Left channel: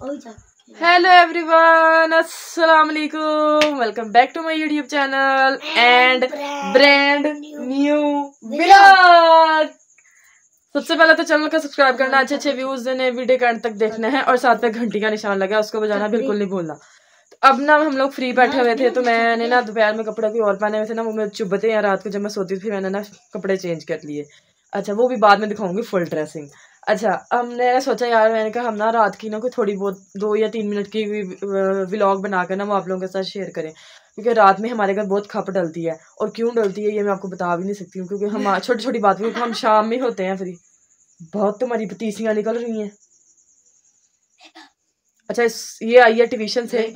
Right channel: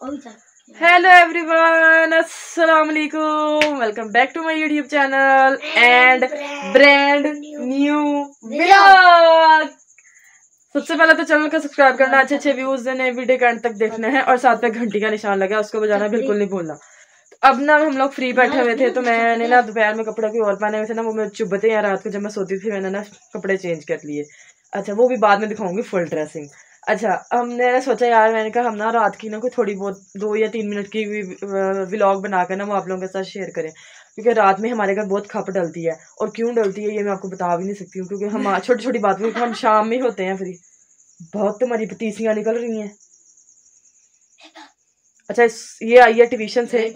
Hello everyone, अस्सलाम वालेकुम। Welcome back to my YouTube channel and brand new vlog. सबसे पहले तो चैनल को सब्सक्राइब करना, अच्छे अच्छे व्यूज देने, वीडियो के एंड तक देखना है और साथ में घंटी का निशान लगा उसको बजाना बिल्कुल नहीं भूलना। तो अब ना हम लोग फ्री बैठे हुए थे तो मैंने ना दोपहर में कपड़े कोई और पहने हुए थे ना, वो मेरे चुभते हैं। रात को जब मैं सोती थी मैंने ना कपड़े चेंज कर लिए। अच्छा, वो भी बाद में दिखाऊंगी फुल ड्रेसिंग। अच्छा, हमने सोचा यार, मैंने कहा हम ना रात की ना कोई थोड़ी बहुत 2 या 3 मिनट की व्लॉग बनाकर ना वो आप लोगों के साथ शेयर करें, क्योंकि रात में हमारे घर बहुत खप डलती है। और क्यों डलती है ये मैं आपको बता भी नहीं सकती हूँ, क्योंकि हम छोटी छोटी बात क्योंकि हम शाम में होते हैं फ्री। बहुत तुम्हारी पतीसियाँ निकल रही हैं। अच्छा, ये आई है ट्यूशन से,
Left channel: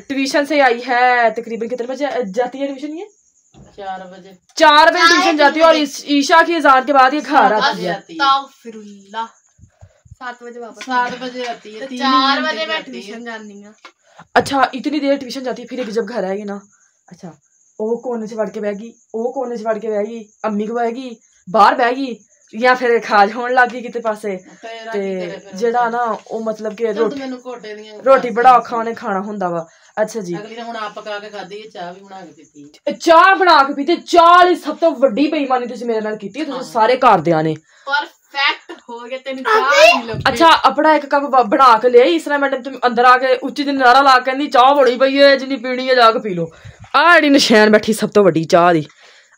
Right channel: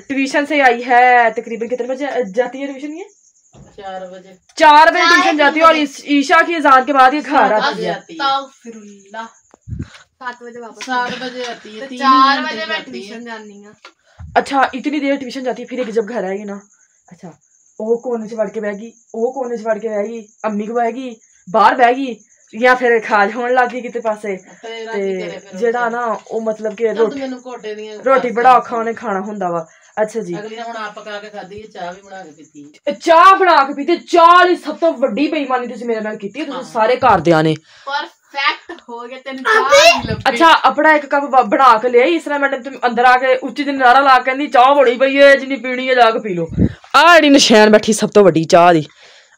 ट्यूशन से आई है। तकरीबन कितने बजे जाती है ट्यूशन? ये 4 बजे ट्यूशन जाती है और ईशा की अजान के बाद ये घर आती है। 7 बजे वापस 7 बजे आती है, 4 बजे मैं ट्यूशन जानी है। अच्छा, इतनी देर ट्यूशन जाती है, फिर जब घर आएगी ना, अच्छा वो कोने से वड़ के बहगी, वो कोने से वड़ के बहगी, अम्मी को बहगी, बाहर बहगी या फिर खाज होने लग गई किते पासे। ते जेड़ा ना वो मतलब कि रोटी बड़ा औखा उन्हें खाना हुंदा वा। अच्छा जी, चाह बना के पीती। चाह दी सब तो वड्डी बेईमानी तुसीं मेरे नाल कीती, तुसीं सारे घरदियां ने। परफेक्ट हो गया तेन। अच्छा, अपना एक कप बना के ले इस तरह मैडम तुम अंदर आके उच्ची दिन नारा ला के चाह बड़ी पई है, जिन्नी पीनी है जाके पी लो। आ जेड़ी नशैन बैठी सब तो वड्डी चाह दी।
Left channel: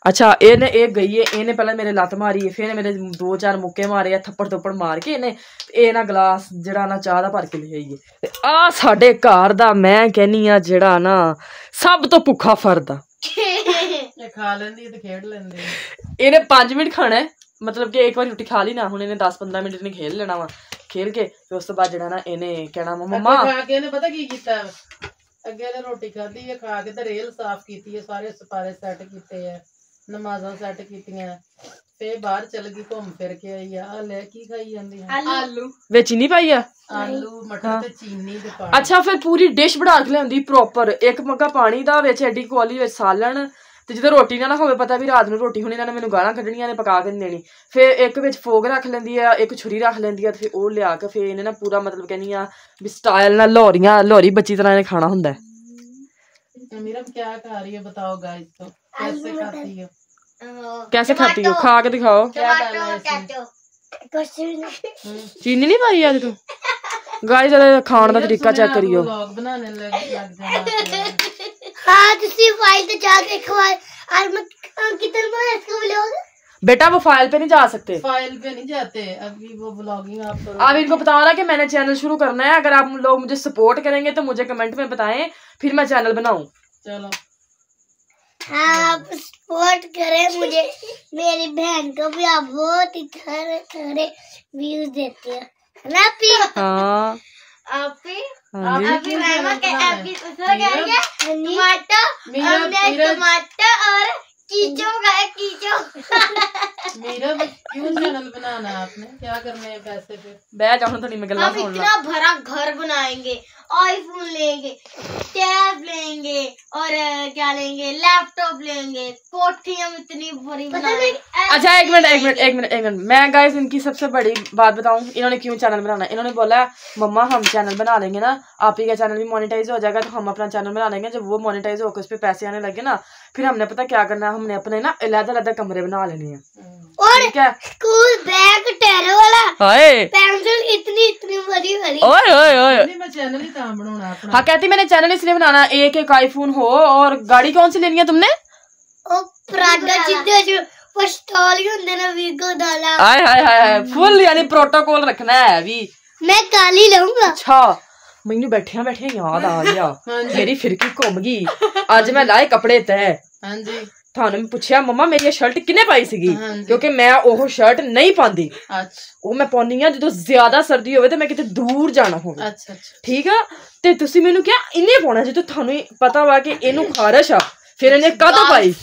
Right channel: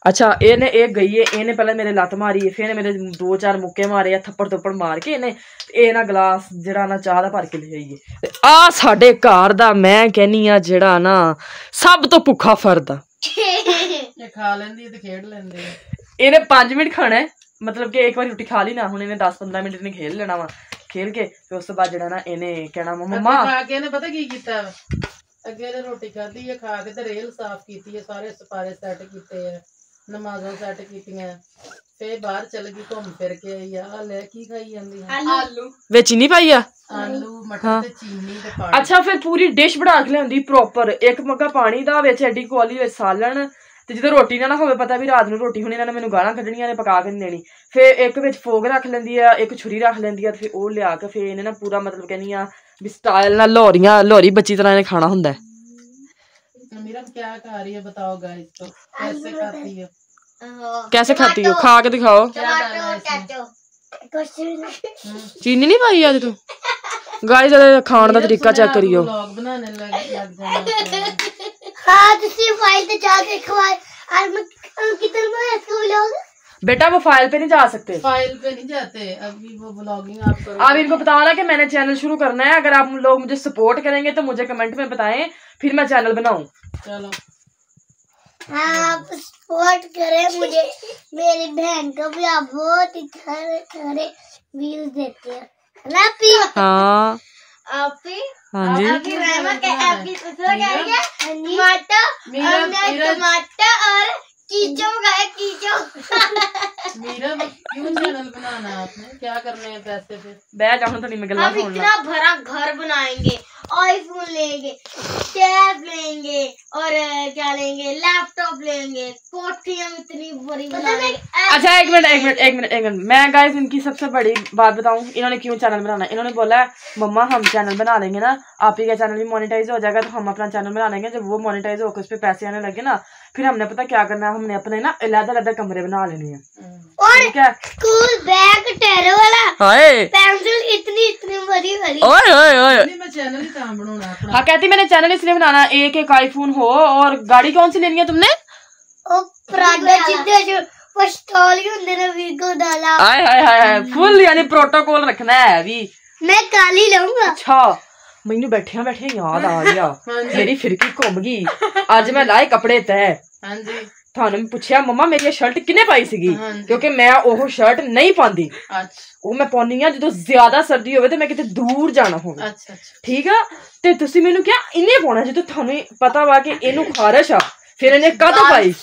अच्छा, इन्हें एक गई है, इन्हें पहले मेरे लत्त मारी है, फिर मेरे 2-4 मुक्के मारे या थप्पड़ थप्पड़ मार के इन्हें ना गिलास जेड़ा ना चाह दा भर के ले आइए। ते आ साडे घर दा मैं कहनी आ जेड़ा ना सब तो भुखा फर्द आ। खा लेंदी ते खेड लेंदे। इन्हें 5 मिनट खाना है, मतलब कि एक बार रोटी खा ली ना, हुण इन्हें 10-15 मिनट इन्हें खेल लेना वा। खेल के फिर उस तो बाद जेड़ा ना इन्हें कहना मम्मा खा के इन्हें पता की कीता अगे ने रोटी खाधी है, खा के ते रेल साफ कीती है, सारे सपारे सेट कीते है, नमाज़ां सेट कीतियां, फिर बाहर चल गई घूम फिर के आई। आ ले की खाई जांदी है? आलू विच चीनी पाई आ, आलू मटर ते चीनी ते पानी। अच्छा, फिर पूरी डिश बना के लियांदी प्रॉपर, एक मग्गा पानी दा विच एडी कोली विच सालन ते जिद्दां रोटी ना होवे, पता भी रात नूं रोटी हुण इन्हां ने मैनूं गालां कड्ढणियां ने पका के नहीं देनी। फिर एक विच फोग रख लैंदी है, एक छुरी रख लैंदी है, फिर ओह लिया के फिर इन्हें ना पूरा मतलब कहनी आ भी स्टाइल नाल लोहरी बच्ची तरह इन्हें खाना हुंदा है। मीरम क्या खा रही है बताओ गाइस, तो कैसे खाती है? कैसे खाती हो? खा के दिखाओ। चीनी नहीं पाई आज तू? गाइस खाने का तरीका चेक करियो। व्लॉग बनाने लग जाना। हां तुसी फाइल पे जा के खवा और मैं कितने को इसका व्लॉग। बेटा वो फाइल पे नहीं जा सकते, फाइल पे नहीं जाते अभी, वो व्लॉगिंग आप करो। आप इनको बताओ ना कि मैंने चैनल शुरू करना है, अगर आप लोग मुझे सपोर्ट करेंगे तो मुझे कमेंट में बताएं, फिर मैं चैनल बनाऊं। चलो आप सपोर्ट करें मुझे, मेरी बहन को भी आप बहुत ही खरे व्यूज देते हैं, है ना पी? हाँ आपी हाँ जी, आपकी मैम के आपकी उसको कह रही है टमाटर और कीचो का कीचो। मेरा क्यों चैनल बनाना है आपने? क्या करने हैं पैसे पे? बैठ जाओ थोड़ी मैं गल्ला सुन ला। इतना भरा घर बनाएंगे, आईफोन लेंगे, टैब लेंगे और क्या लेंगे, लैपटॉप लेंगे, कोठी हम इतनी बड़ी बनाएंगे। अच्छा एक मिनट मैं गाइस इनकी सबसे बड़ी बात बताऊं, इन्होंने क्यों चैनल बनाना। इन्होंने बोला मम्मा हम चैनल बना लेंगे ना, आप ही का चैनल भी मोनेटाइज हो जाएगा तो हम अपना चैनल बना लेंगे। जब वो मोनेटाइज होकर उस पर पैसे आने लगे ना, फिर हमने पता क्या करना है, हमने अपने ना अलग-अलग कमरे बना लेने हैं। ठीक है, स्कूल बैग टेरो वाला, हाय पेंसिल इतनी बड़ी ओए मैं चैनल ही कहां बनाना अपना? हाँ कहती मैंने चैनल इसलिए बनाना, एक आईफोन हो। और गाड़ी कौन सी लेनी है तुमने? ओ प्राडा जिद्दे जो पिस्तौल ही होंदे ना वीगो डाला। हाय फुल यानी प्रोटोकॉल रखना है अभी। मैं काली लऊंगा। अच्छा, मैनू बैठिया याद आ गया, मेरी फिरकी घुम गई। अज मैं लाए कपड़े तय। हां जी, थानू पूछया मम्मा मेरी शर्ट किन्ने पाई सीगी, क्योंकि मैं ओह शर्ट नहीं पांदी। अच्छा, वो मैं पानी आ जो ज्यादा सर्दी होवे ते मैं किते दूर जाना होवे। अच्छा ठीक है, ते तुसी मैनू क्या इन्ने पाना जो थानू पता वा कि इनू खारिश आ, फिर इन्हें काहतों पाई?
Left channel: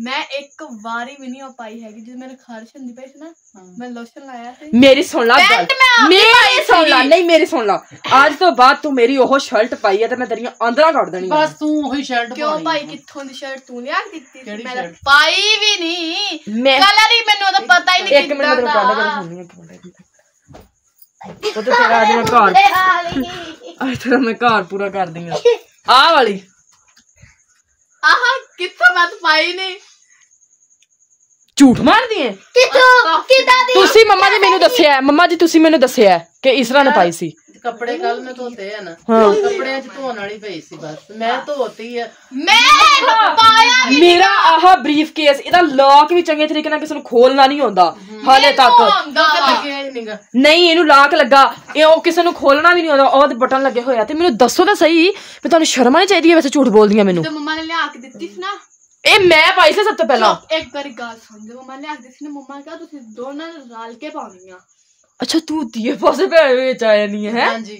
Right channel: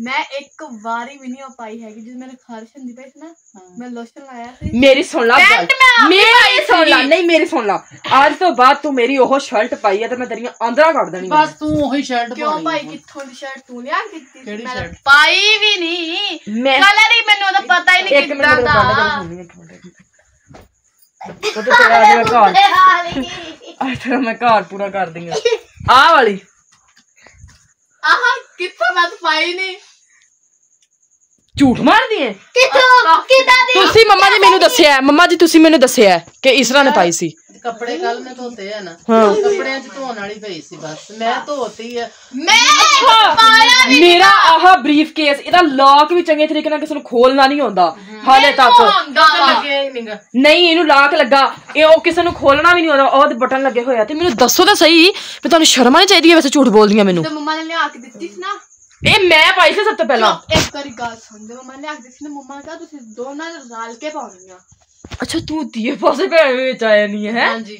मैं एक बारी भी नहीं हो पाई है कि मैंने खारिश होंदी पई ना, मैं लोशन लाया थी। मेरी सुन ला गल, मेरी सुन ला, नहीं मेरी सुन ला, आज तो बाद तू मेरी ओह शर्ट पाई है ते मैं तेरी आंदरा काट देनी। बस तू वही शर्ट क्यों भाई कित्थों दी शर्ट तू लिया कित्ती? मैंने पाई भी नहीं, मैं कलर ही मैनू तो पता ही नहीं। एक मिनट मेरे को गाना सुननी है, एक मिनट। ਉਹ ਤੇ ਤੇਰਾ ਅੱਜ ਮੈਂ ਘਰ ਮੈਂ ਘਰ ਪੂਰਾ ਕਰ ਦਿੰਗਾ ਆਹ ਵਾਲੀ ਆਹ ਕਿੱਥੋਂ ਮੈਂ ਪਾਈ ਨਹੀਂ ਝੂਠ ਮਾਰਦੀ ਹੈ ਕਿੱਥੋਂ ਕਿਦਾਂ ਦੀ ਤੁਸੀਂ ਮੰਮਾ ਜੀ ਮੈਨੂੰ ਦੱਸਿਆ ਹੈ, ਮੰਮਾ ਜੀ ਤੁਸੀਂ ਮੈਨੂੰ ਦੱਸਿਆ ਹੈ ਕਿ ਇਸਰਾ ਨੇ ਪਾਈ ਸੀ ਕੱਪੜੇ ਕੱਲ ਮੈਂ ਧੋਤੇ ਆ ਨਾ ਹਾਂ ਕੱਪੜਿਆਂ 'ਚ ਧੋਣ ਵਾਲੀ ਪਈ ਸੀ ਬਸ ਮੈਂ ਧੋਤੀ ਆ ਮੇਰਾ ਆਹ ਬਰੀਫ ਕੇਸ ਇਹਦਾ ਲੌਕ ਵੀ ਚੰਗੇ ਤਰੀਕੇ ਨਾਲ ਕਿਸੇ ਨੂੰ ਖੋਲਣਾ ਨਹੀਂ ਆਉਂਦਾ ਹਾਲੇ ਤੱਕ ਨਹੀਂ ਇਹਨੂੰ ਲਾਕ ਲੱਗਾ ਇਹ ਉਹ ਕਿਸੇ ਨੂੰ ਖੋਲਣਾ ਵੀ ਨਹੀਂ ਆਉਂਦਾ ਉਹਦੇ ਬਟਨ ਲੱਗੇ ਹੋਏ ਆ ਤੇ ਮੈਨੂੰ ਦੱਸੋ ਤਾਂ ਸਹੀ ਵੀ ਤੁਹਾਨੂੰ ਸ਼ਰਮ ਨਹੀਂ ਚਾਹੀਦੀ ਵੈਸੇ ਝੂਠ ਬੋਲਦੀਆਂ ਮੈਨੂੰ ਮੰਮਾ ਨੇ ਲਿਆ ਕੇ ਦਿੱਤੀ ਸੀ ਨਾ ਇਹ ਮੈਂ ਪਾਈ ਸੀ ਸਭ ਤੋਂ ਪਹਿਲਾਂ ਇੱਕ ਵਾਰੀ ਗੱਲ ਸੁਣ ਜੇ ਮੰਮਾ ਨੇ ਲਿਆ ਕੇ ਦਿੱਤੀ ਸੀ ਨਾ ਮੰਮਾ ਨੇ ਕਿਹਾ ਤੁਸੀਂ ਦੋਨਾਂ ਨੇ ਰਲ ਕੇ ਪਾਉਣੀਆਂ ਅੱਛਾ ਤੂੰ ਤੀਏ ਪਾਸੇ ਪੈ ਵਿੱਚ ਆਇਆ ਨਹੀਂ ਹੈ ਹਾਂਜੀ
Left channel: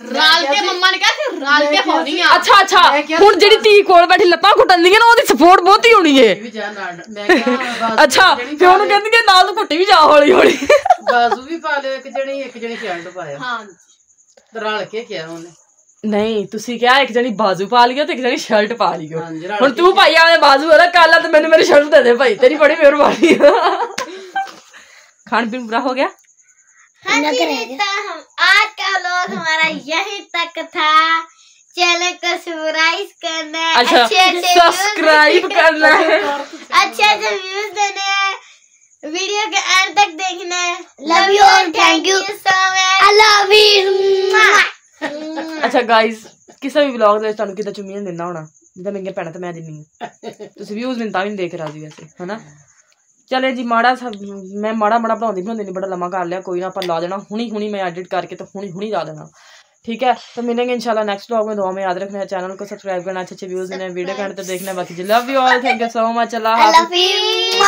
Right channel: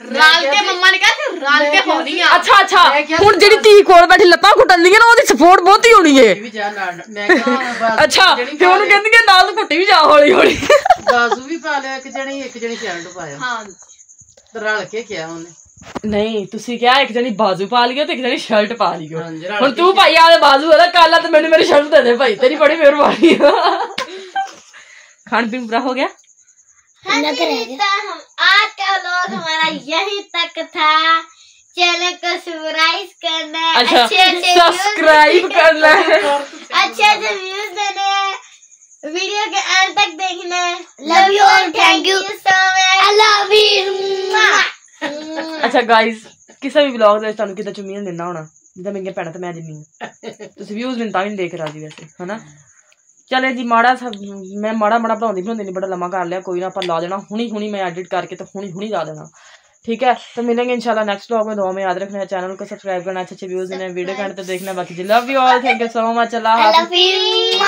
ਰਲ ਕੇ ਮੰਮਾ ਨੇ ਕਿਹਾ ਸੀ ਰਲ ਕੇ ਪਾਉਣੀ ਆ ਅੱਛਾ ਅੱਛਾ ਹੁਣ ਜਿਹੜੀ ਧੀ ਕੋਲ ਬੈਠੀ ਲੱਤਾਂ ਘੁੱਟਣਦੀਆਂ ਨਾ ਉਹਦੀ ਸਪੋਰਟ ਬਹੁਤੀ ਹੋਣੀ ਏ ਵੀ ਜਾ ਨਾਲ ਮੈਂ ਕਿਹਾ ਅੱਛਾ ਫਿਰ ਉਹਨੂੰ ਕਹਿੰਦੀ ਕਿ ਨਾਲ ਤੂੰ ਘੁੱਟੀ ਵੀ ਜਾ ਹੌਲੀ ਹੌਲੀ ਬਾਜ਼ੂ ਵੀ ਪਾ ਲਿਓ ਇੱਕ ਜਣੀ ਸ਼ਰਟ ਪਾਇਓ ਹਾਂ ਰਲ ਕੇ ਕਿਹਾ ਉਹਨੇ ਨਹੀਂ ਤੁਸੀਂ ਕਿਹਾ ਇੱਕ ਜਣੀ ਬਾਜ਼ੂ ਪਾ ਲਿਓ ਤੇ ਇੱਕ ਜਣੀ ਸ਼ਰਟ ਪਾ ਲਿਓ ਹਾਂਜੀ, ਰਲ ਹੁਣ ਕੇ ਤੂੰ ਭਾਈ ਆਲੇ ਬਾਜ਼ੂ ਵਾਲਾ ਕਾਲਾ ਤੇ ਮੈਨੂੰ ਮੇਰੀ ਸ਼ਰਟ ਦੇ ਦੇ ਭਾਈ ਤੇਰੀ ਬੜੀ ਮਿਹਰਬਾਨੀ खान पीन पूरा हो गया हाँ जी, तो हम आज का व्लॉग हमारा यहीं तक था। चैनल को सब्सक्राइब करना है, अच्छा सब्सक्राइब करना है, अच्छे से व्यूज देने हैं, वीडियो के एंड तक देखना है। लव यू और thank you so much. I love you. अच्छा गाइस ਕਿਸੇ ਵੀ ਵਲੌਗ ਦੇ ਵਿੱਚ ਤੁਹਾਨੂੰ ਕਿਦਾਂ ਚੁੰਮੀਆਂ ਦਿੰਦਾ ਹੋਣਾ ਜਿੱਦਾਂ ਮੇਰੀਆਂ ਭੈਣਾਂ ਤੇ ਮੈਂ ਦਿੰਨੀ ਆ ਤੁਸੀਂ ਵਿਊਜ਼ ਮੈਨੂੰ ਤਾਂ ਵੀ ਨਹੀਂ ਦੇਖ ਰਾਜੀ ਵੈਸੇ ਹਨਾ। ਚਲੇ ਜੀ ਮਾੜਾ ਮੈਂ ਮਾੜਾ ਬਣਾਉਂਦੀ ਨਹੀਂ ਬੜਾ ਲੰਮਾ ਕਰ ਲਿਆ ਕੋਈ ना ਆਪਾਂ ਲਾ देना हुनी मैं एडिट करके तो हुनी ला देना ठीक है। तो मिलेंगे इंशाल्लाह नेक्स्ट व्लॉग में। दुआ में याद रखना है, चैनल को सब्सक्राइब करना, अच्छे व्यूज देना, वीडियो करना तो देखना। बाकी love you all, thank you so much, अल्लाह हाफिज़।